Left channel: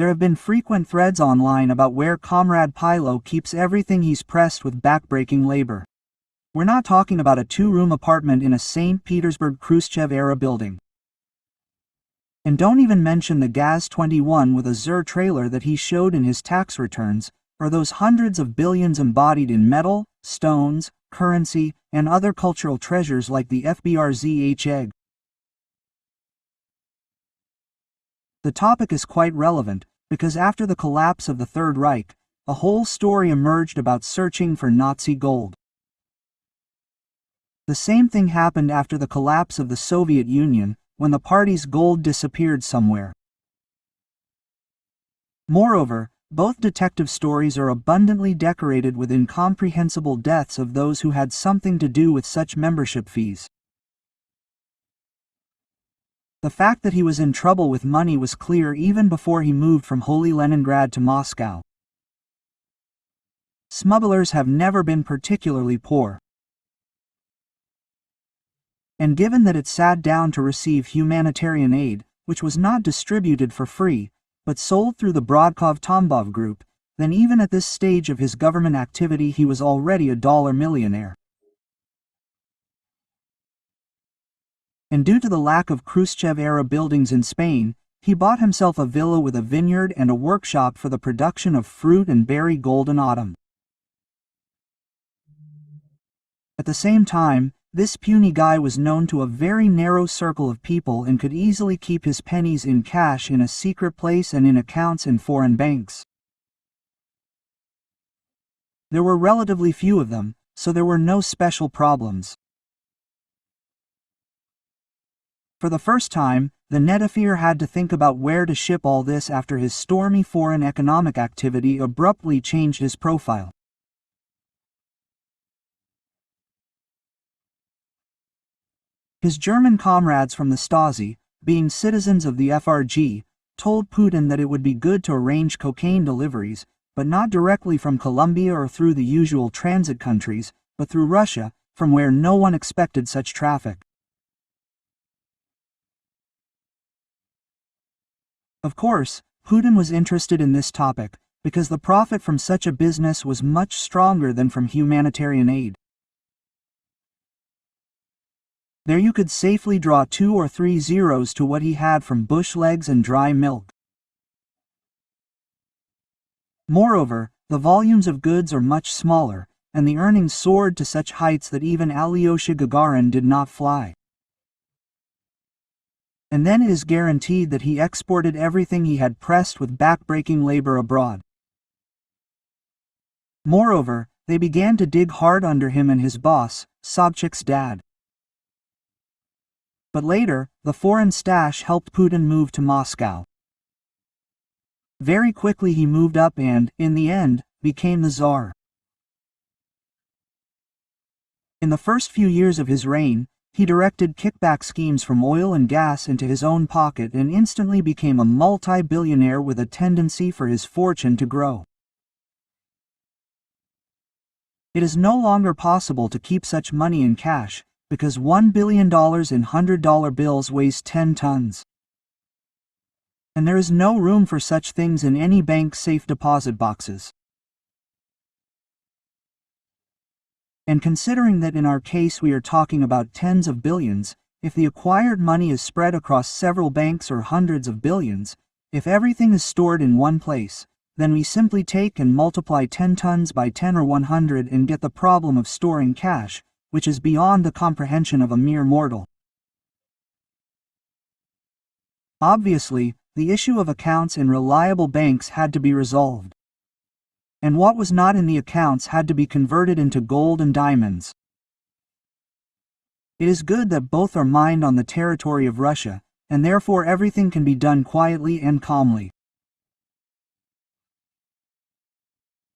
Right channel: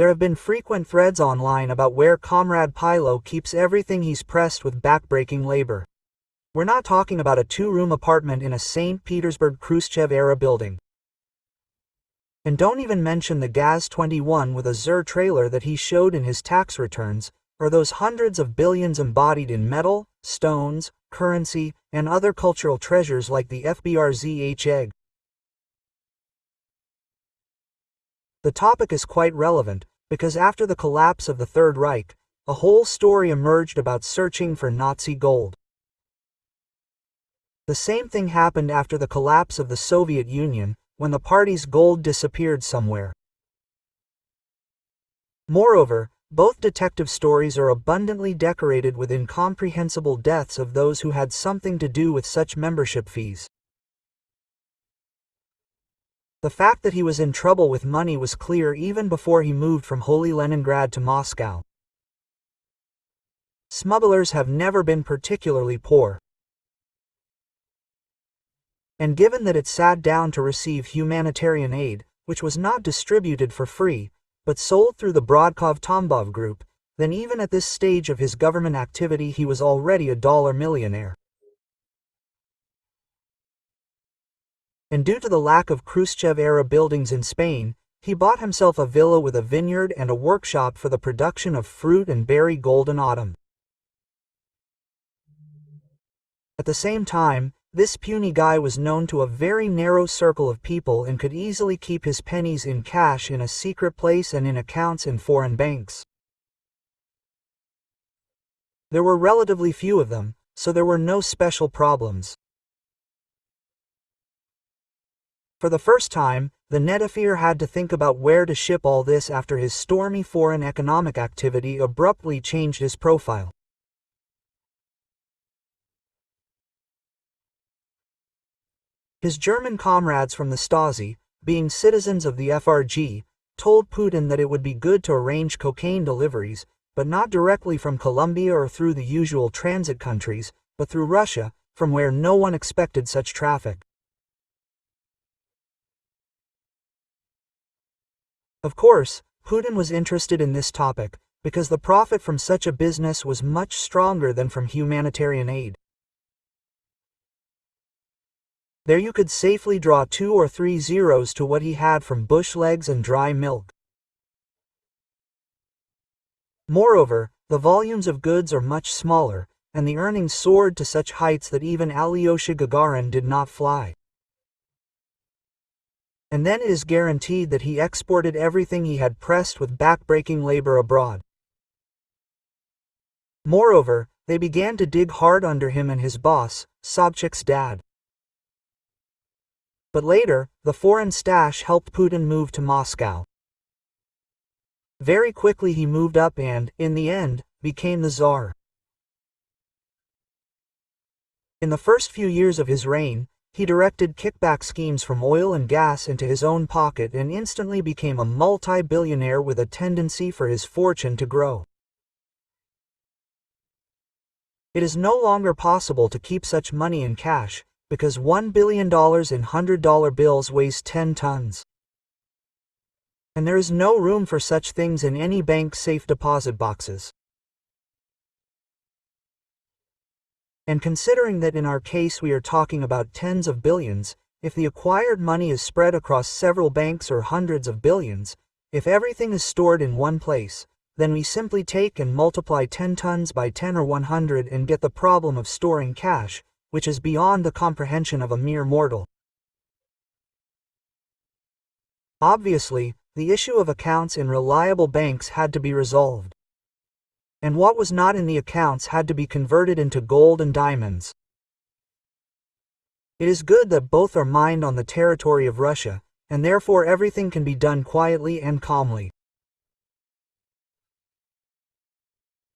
There have been frequent threads online about where Comrade Pilo keeps everything he's pressed with backbreaking labor. We're not talking about a two-room apartment in a St. Petersburg Khrushchev-era building. And don't even mention the Gaz-21 with a Zur trailer that he showed in his tax returns, or those hundreds of billions embodied in metal, stones, currency, and other cultural treasures like the FBRZH egg. The topic is quite relevant, because after the collapse of the Third Reich, a whole story emerged about searching for Nazi gold. The same thing happened after the collapse of the Soviet Union, when the party's gold disappeared somewhere. Moreover, both detective stories are abundantly decorated with incomprehensible deaths of those who had something to do with such membership fees. The fact that he was in trouble with money was clear even before he moved from Holy Leningrad to Moscow. Smugglers have never been particularly poor. And given that it sat down to receive humanitarian aid, which was not distributed for free, but sold through the Brodkov-Tambov group, then even at this stage of his government activity he was already a dollar millionaire. And due to the lack of Khrushchev-era buildings in Spain, he bought himself a villa with a vineyard and a workshop for the production of fruit and berry gold in autumn. At the same time, this puny guy was known to a very narrow circle of people and could easily keep his pennies in cash in a secret place and in accounts in foreign banks. There were relatively few of them, so there were no special problems. For the first time, the Netafir had to think about where to ship all this after his stormy foreign economic activity abruptly changed his profile. His German comrades from the Stasi, being citizens of the FRG, told Putin that it would be good to arrange cocaine deliveries, but not directly from Colombia or through the usual transit countries, but through Russia, from where no one expected such traffic. Of course, Putin was interested in this topic, because the profit from such a business was much stronger than from humanitarian aid. There you could safely draw 2 or 3 zeros to what he had from bush legs and dry milk. Moreover, the volumes of goods are much smaller, and the earnings soared to such heights that even Alyosha Gagarin did not fly. And then it is guaranteed that he exported everything he had pressed with backbreaking labor abroad. Moreover, they began to dig hard under him and his boss, Sobchak's dad. But later, the foreign stash helped Putin move to Moscow. Very quickly he moved up and, in the end, became the Tsar. In the first few years of his reign, he directed kickback schemes from oil and gas into his own pocket and instantly became a multi-billionaire with a tendency for his fortune to grow. It is no longer possible to keep such money in cash, because $1 billion in $100 bills weighs 10 tons. And there is no room for such things in any bank's safe deposit boxes. And considering that in our case we are talking about tens of billions, if the acquired money is spread across several banks or hundreds of billions, if everything is stored in one place, then we simply take and multiply 10 tons by 10 or 100 and get the problem of storing cash, which is beyond the comprehension of a mere mortal. Obviously, the issue of accounts in reliable banks had to be resolved. And what was not in the accounts had to be converted into gold and diamonds. It is good that both are mined on the territory of Russia, and therefore everything can be done quietly and calmly.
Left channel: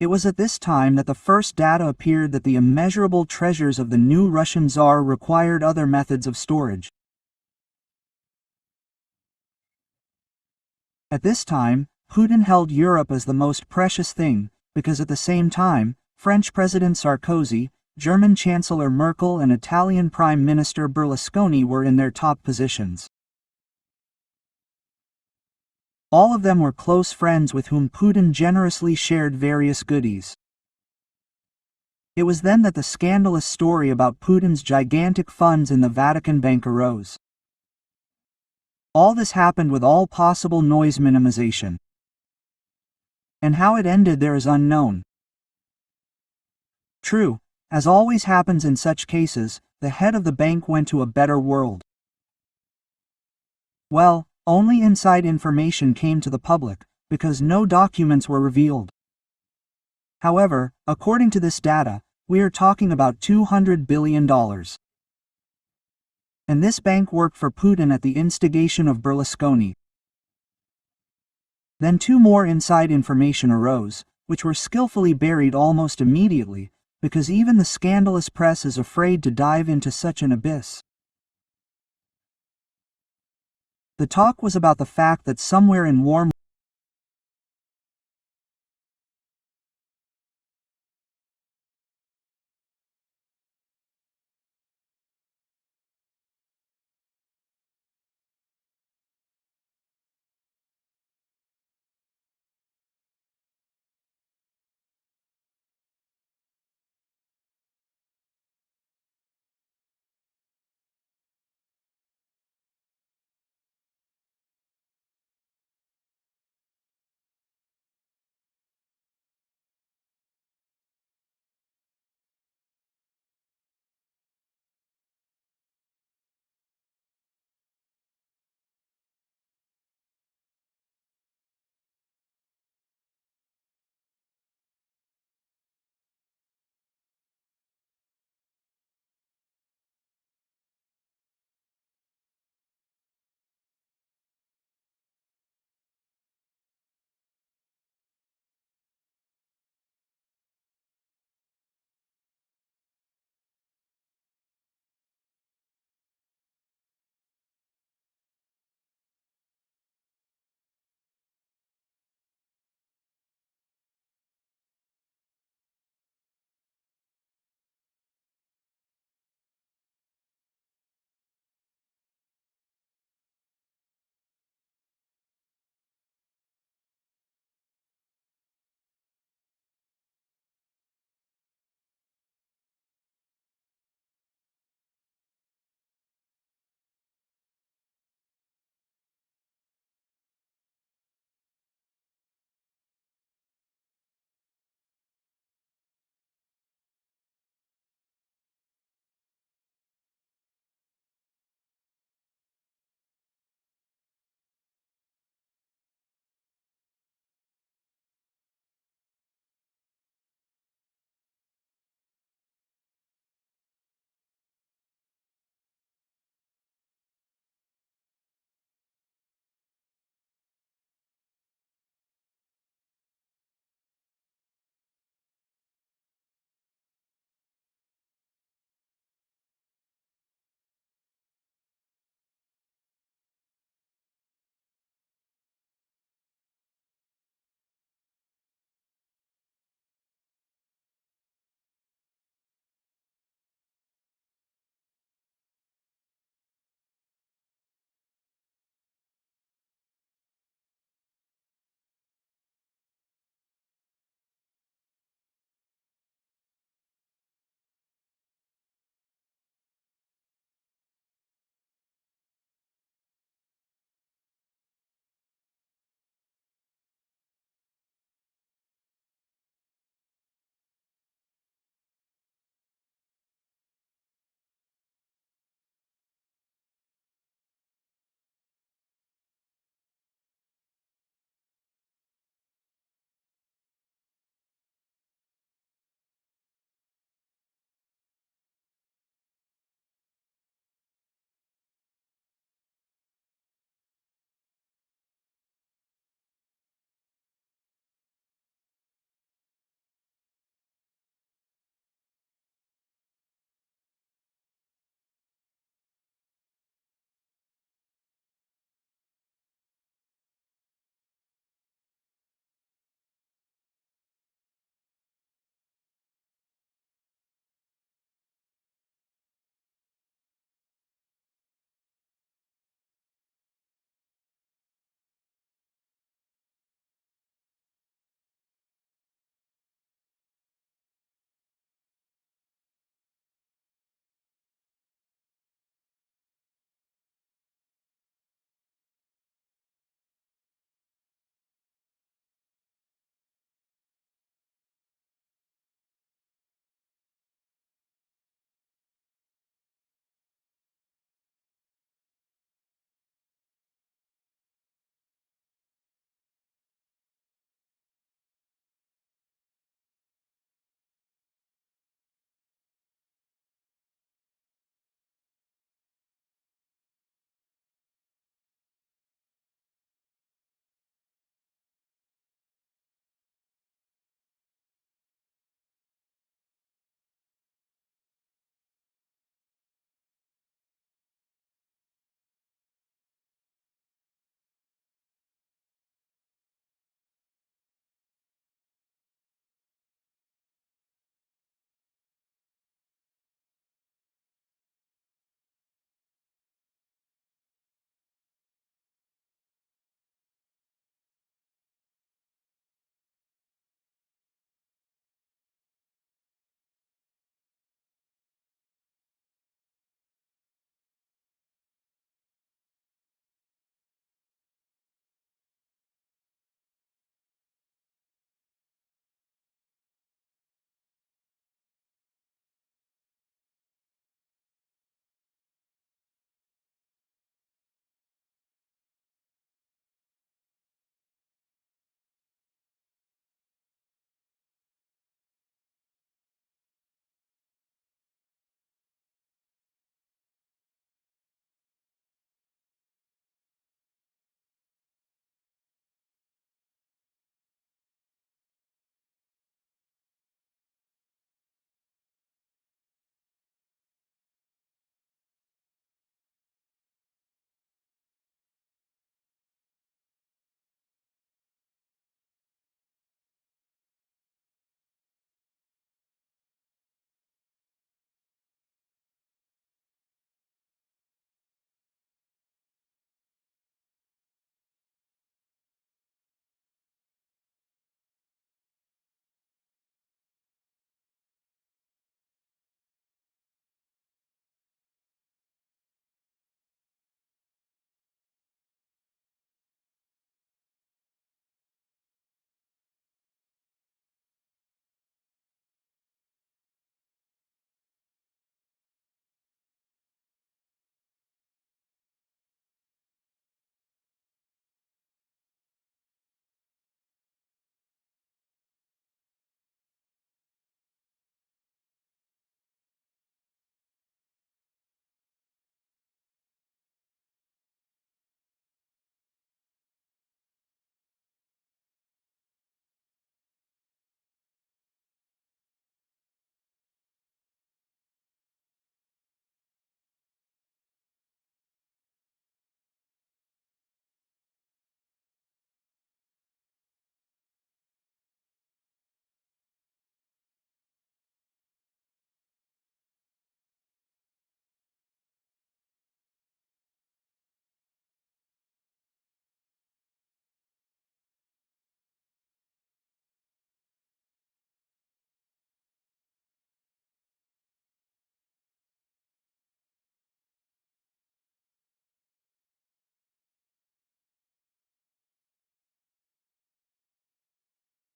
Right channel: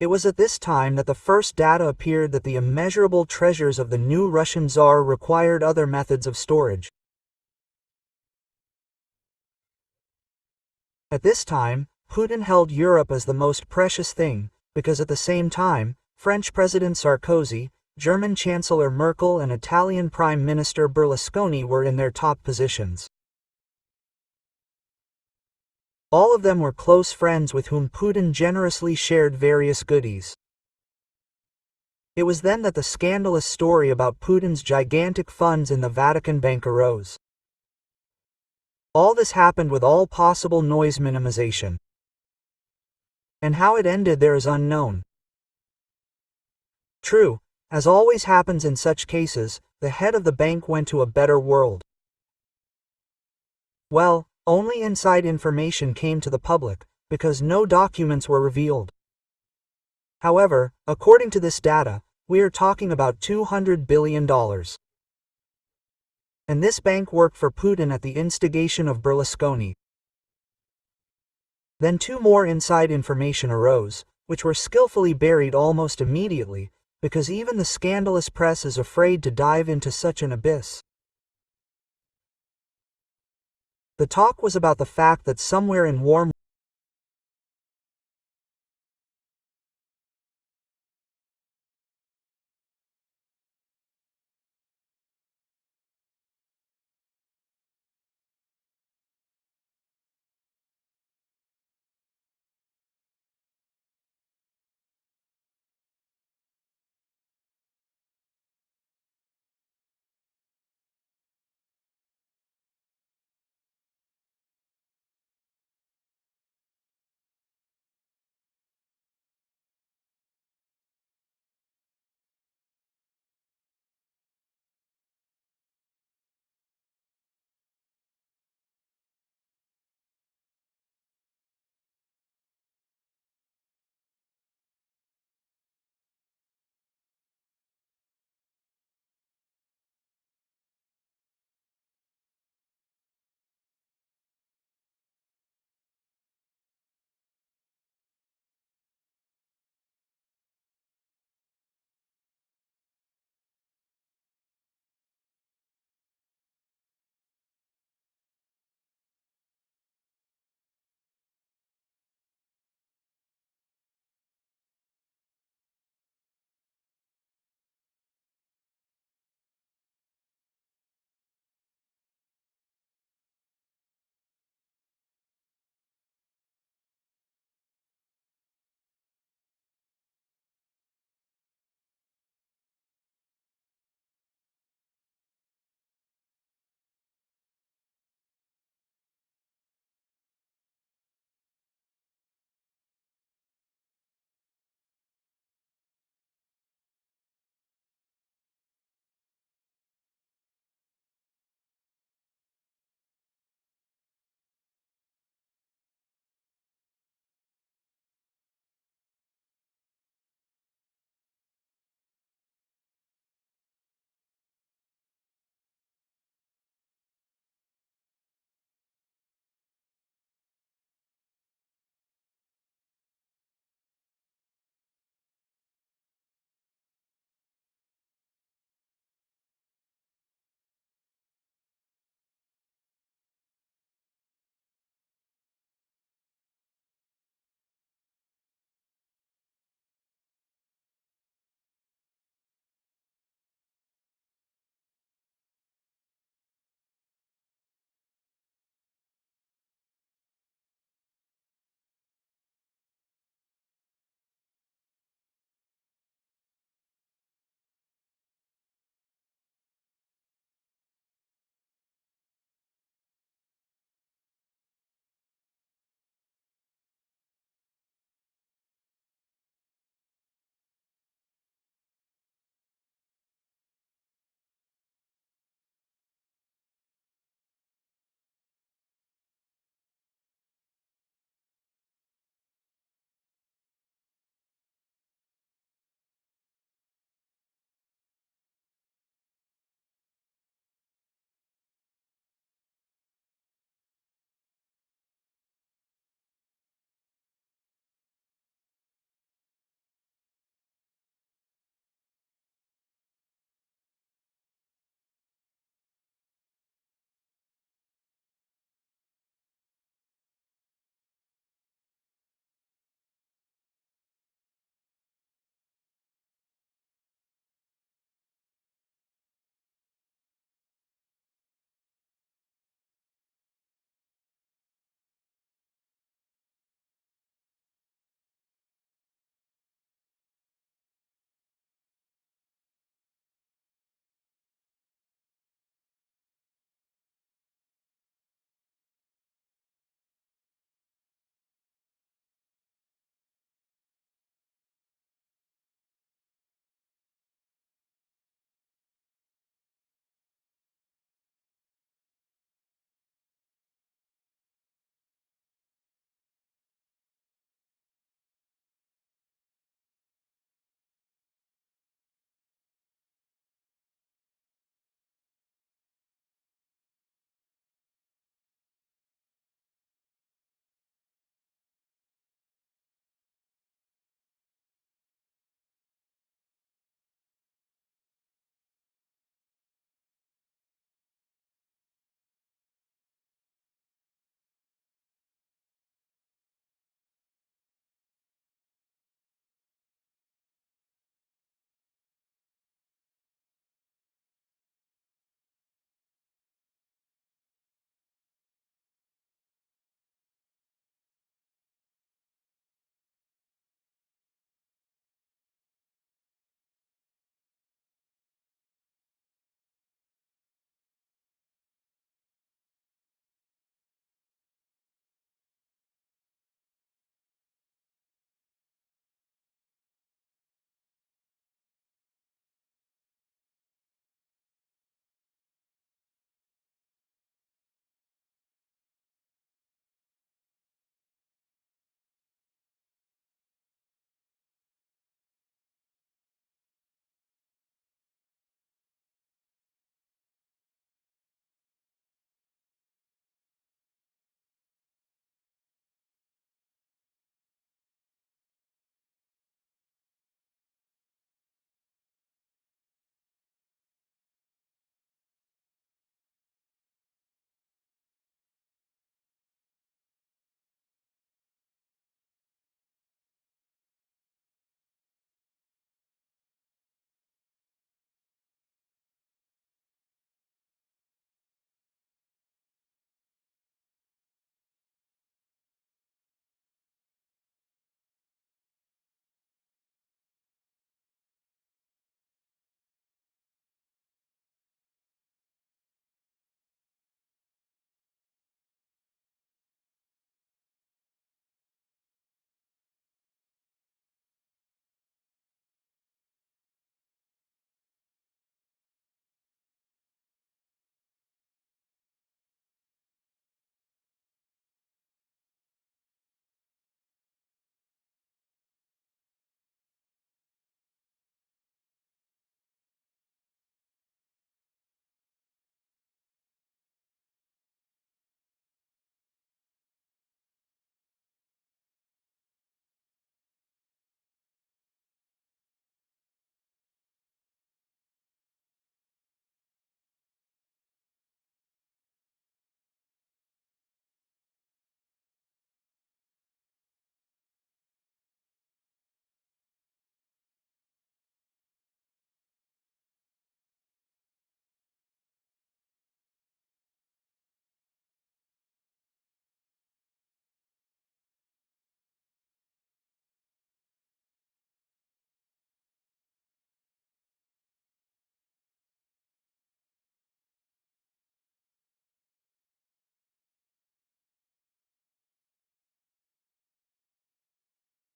It was at this time that the first data appeared that the immeasurable treasures of the new Russian Tsar required other methods of storage. At this time, Putin held Europe as the most precious thing, because at the same time, French President Sarkozy, German Chancellor Merkel and Italian Prime Minister Berlusconi were in their top positions. All of them were close friends with whom Putin generously shared various goodies. It was then that the scandalous story about Putin's gigantic funds in the Vatican Bank arose. All this happened with all possible noise minimization. And how it ended there is unknown. True, as always happens in such cases, the head of the bank went to a better world. Well, only inside information came to the public, because no documents were revealed. However, according to this data, we are talking about $200 billion. And this bank worked for Putin at the instigation of Berlusconi. Then two more inside information arose, which were skillfully buried almost immediately, because even the scandalous press is afraid to dive into such an abyss. The talk was about the fact that somewhere in warm